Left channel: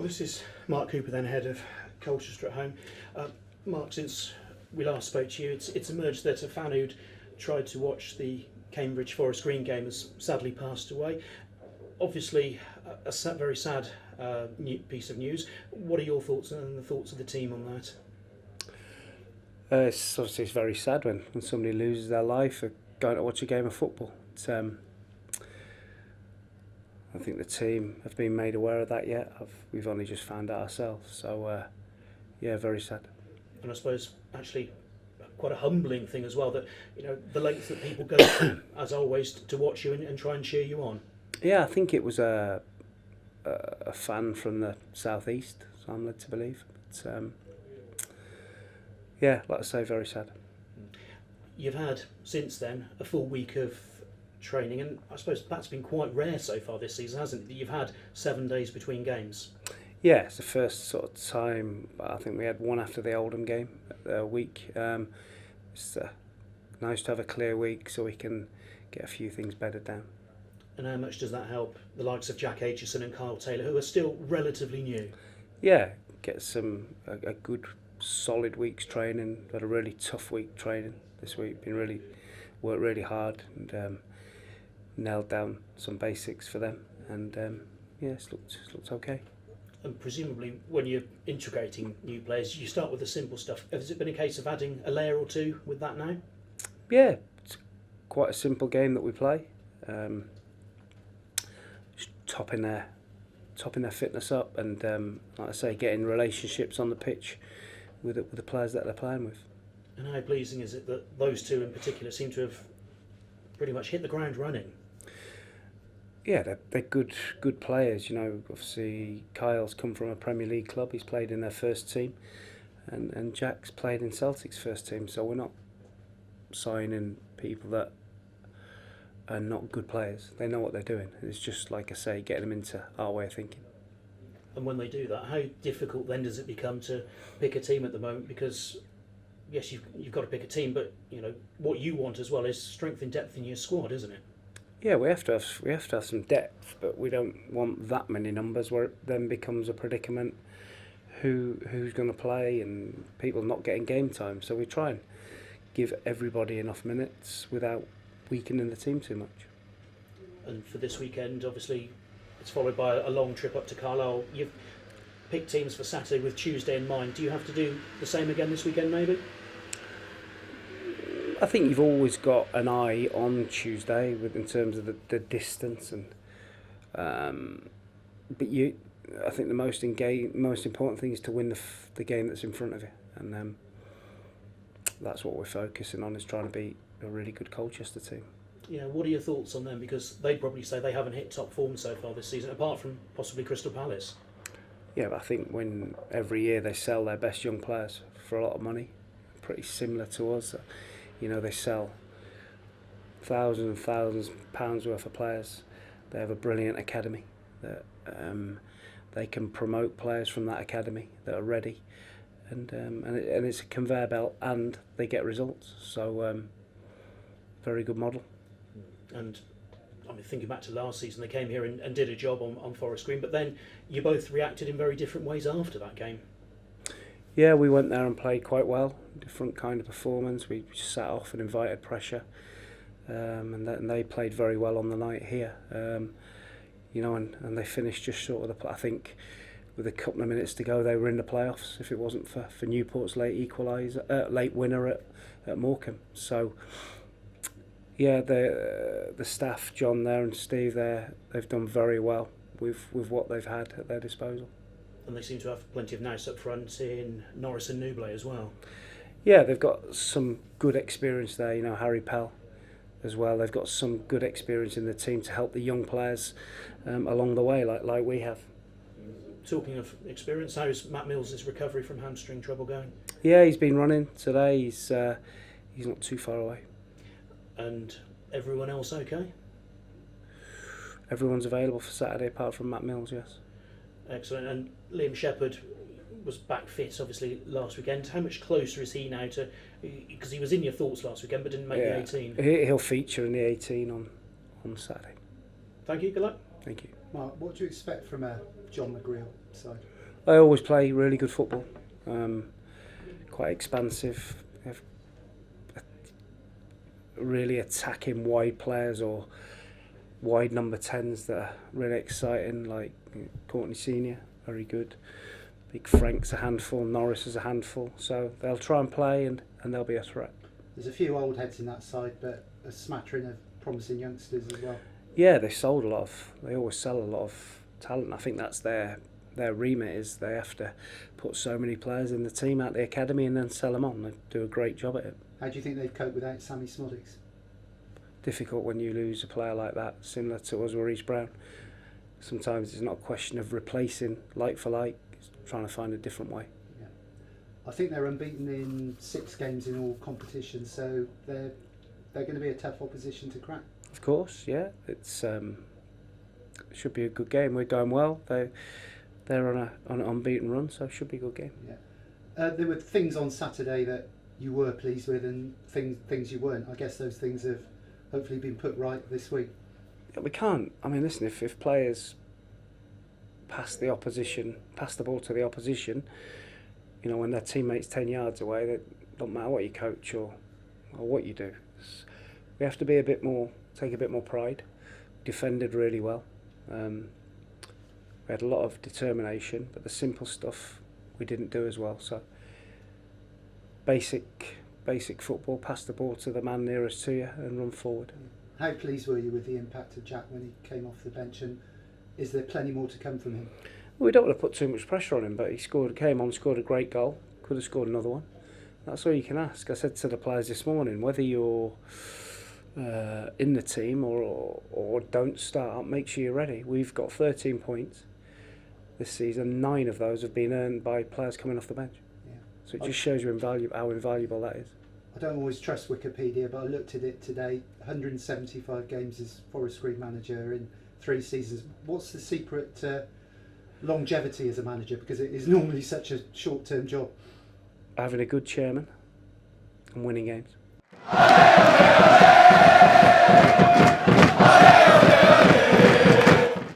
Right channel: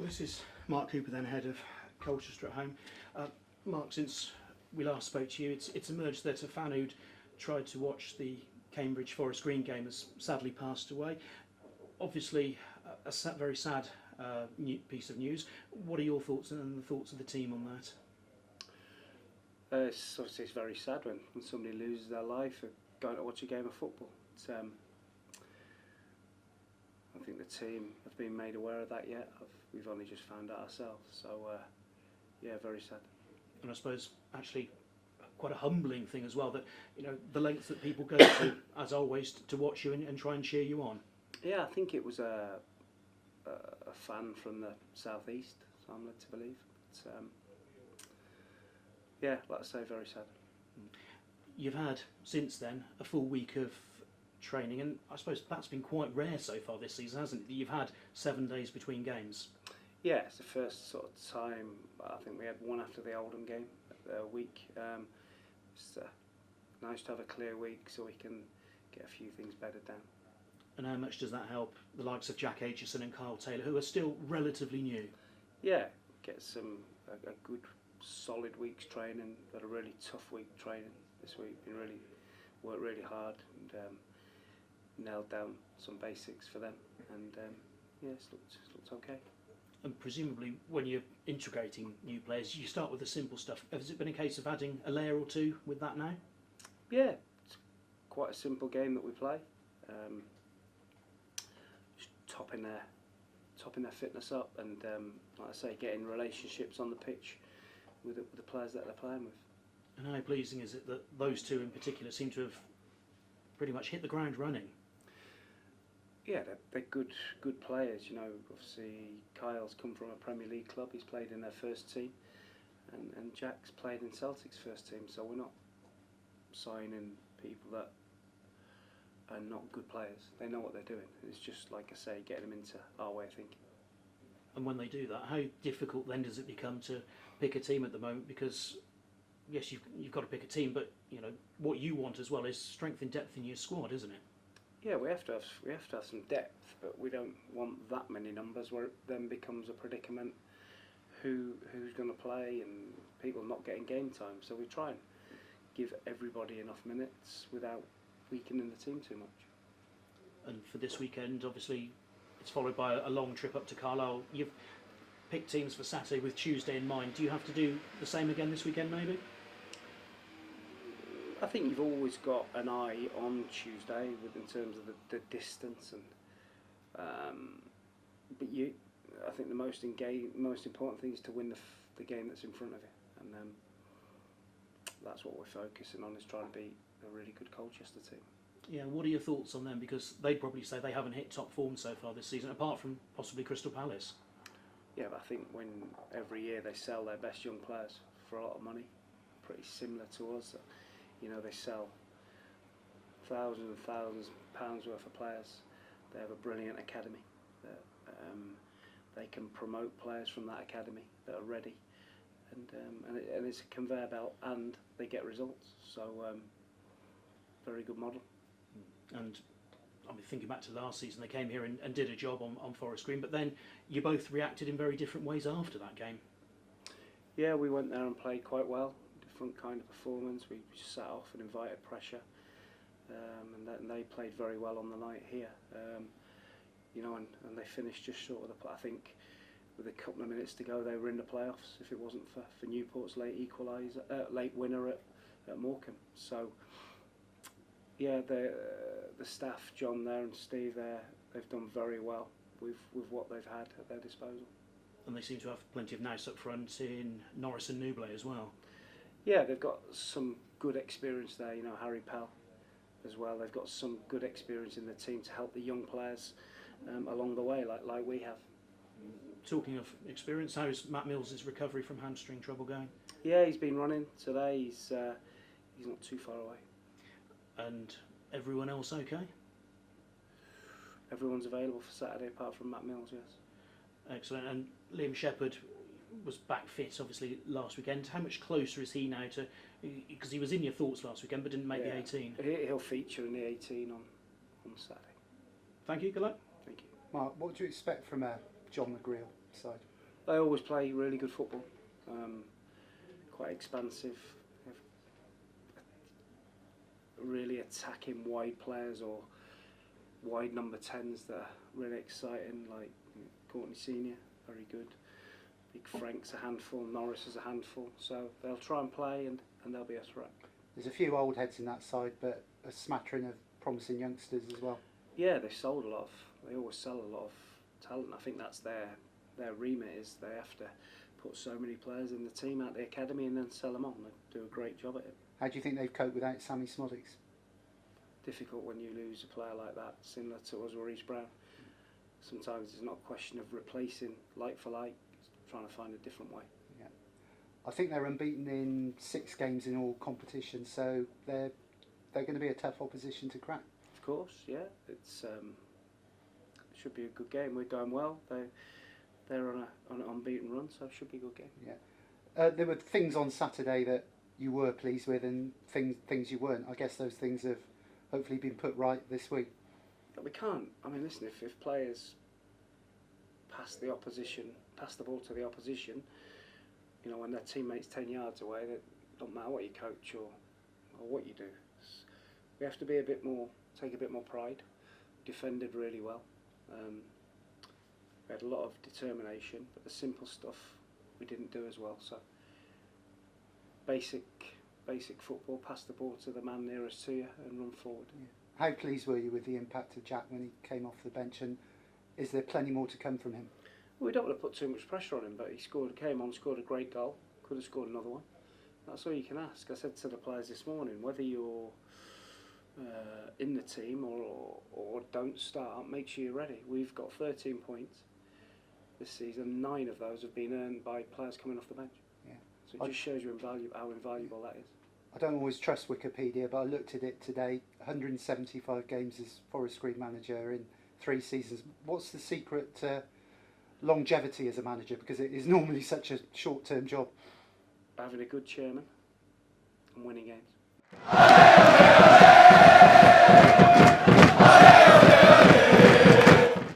Well, this is Mark Cooper, then head of Colchester at home. Mark, since we last spoke to you, it's emerged that a fan who'd tried to watch the Cambridge Forest Green game has sadly passed away. Obviously, very sad piece of news. What are your thoughts and the thoughts of the team on that? It's obviously very sad when somebody loses their life for going to watch a game of football. I think the team have been made aware of that yet. We've only just found out ourselves. So, yeah, very sad. And I suppose actually quite a humbling thing as well that, you know, the lengths that people go to, as always, to watch you and try and cheer you on. Yeah, I think it was a fan from the southeast, so I'm led to believe. But, yeah, like I say, very sad. You've had, since then, a full week of training, and I suppose that's been quite rare so far this season, hasn't it? That you've had 7 days between games. Yeah, it's the first sort of time. I think we had one after the Oldham game week. It's nice to have a clear week so we can get a few things bedded down. And how much does that help the likes of Jack Aitchison and Kyle Taylor, who are still relatively new? Yeah, get a good solid week's training. Had a really tough week training this week. Worked really hard and nailed down some basics for them. And yeah, it's looked okay. And presumably, when you're integrating new players, you start with the simple stuff. Has it been a case of adding a layer or two with that now? Yeah, it's quite a simple game that we play. Just topping their fitness up, and like I say, getting relationships on the pitch with the players that they're playing with. And how pleasing is it that those two in particular seem to have pretty much hit the ground running? Yeah, they're good players. You know, obviously Kyle's come from a Premier League club. He's played in their first team, and Jack's played in Celtic's first team. So we're not signing people that are not good players. They know what they're doing. It's just, like I say, getting them into our way of thinking. And when they do that, how difficult then does it become to pick a team at the moment? Because yes, you've got to pick a team, but you know what you want as well is strength and depth in your squad, isn't it? Yeah, we have to have some depth, but we don't want that many numbers where it then becomes a predicament. Who's going to play and people not getting game time. So we try and give everybody enough minutes without weakening the team too much. And for this weekend, obviously, it's followed by a long trip up to Carlisle. You've picked teams for Saturday with Tuesday in mind. Do you have to do the same again this weekend, maybe? I think you've always got an eye on Tuesday in terms of the distance, and but I think the most important thing is to win the game that's in front of you, and that's what we're focusing on, is trying to beat a really good Colchester team. Yeah, what are your thoughts on them? Because they'd probably say they haven't hit top form so far this season, apart from possibly Crystal Palace. Yeah, but I think when every year they sell their best young players for a lot of money, pretty similar to us. You know, they sell thousands and thousands of pounds worth of players. They have a brilliant academy that they can promote players from that academy that are ready, and it's a conveyor belt, and they get results. So very good model. And I mean, thinking back to last season, they came here and did a job on Forest Green, but then you both reacted in very different ways after that game. Yeah, we went there and played quite well. Different kind of performance. We sat off and invited pressure, and they played very well on the night here. You know, and they finished just short of I think with a couple of minutes to go, they were in the playoffs. If it wasn't for Newport's late winner at Morecambe. So yeah, the staff, John there and Steve there, they've done very well with what they've had at their disposal. And they seem to have plenty of nous up front in Norris and Newblay as well. Yeah, they've got some good experience there. You know, Harry Pell as well. They've got some good experience in the team to help the young players along the way, like we have. Talking of experience, how's Matt Mills' recovery from hamstring trouble going? Yeah, he's been running today. He's not too far away. And everyone else okay? Everyone's available for Saturday apart from Matt Mills, yes. Excellent. And Liam Shepherd was back fit, obviously, last weekend. How much closer is he now to... Because he was in your thoughts last weekend, but didn't make the 18. He'll feature in the 18 on Saturday. Thank you. Good luck. Thank you. Mark, what do you expect from a John McGreal side? They always play really good football, quite expansive, have really attacking wide players or wide number 10s that are really exciting, like Courtney Senior, very good. Big Frank's a handful, Norris is a handful, so they'll try and play and they'll be a threat. There's a few old heads in that side, but a smattering of promising youngsters as well. Yeah, they always sell a lot of talent. I think that's their remit, is they have to put so many players in the team at the academy and then sell them on. They do a great job at it. How do you think they've coped without Sammy Smoddix? Difficult when you lose a player like that, similar to us, Maurice Brown. Sometimes it's not a question of replacing like for like, it's trying to find a different way. Yeah. I think they're unbeaten in 6 games in all competitions, so they're going to be a tough opposition to crack. Of course, yeah. It's should be a good game. We're going well. They're on an unbeaten run, so it should be a good game. Yeah. There were things on Saturday that you were pleased with, and things you weren't. I guess those things have hopefully been put right this week. Yeah, we can't. I mean, listen, if players pass the ball to the opposition, you know, when their teammates 10 yards away, it don't matter what you coach or what you do. We have to be take a bit more pride. Defended really well. We had a lot of determination, but the simple stuff we didn't do as well. So basic football, pass the ball to the man nearest to you and run forward. How pleased were you with the impact of Jack when he came off the bench, and is there plenty more to come from him? Well, we don't want to put too much pressure on him, but he came on, scored a great goal, could have scored another one. That's all you can ask. I said to the players this morning, whether you're in the team or don't start, make sure you're ready. We've got 13 points this season. 9 of those have been earned by players coming off the bench. Yeah. So it just shows you how invaluable that is. I don't always trust Wikipedia, but I looked at it today. 175 games as Forest Green manager in 3 seasons. What's the secret to longevity as a manager? Because it is normally such a short-term job. Having a good chairman and winning games.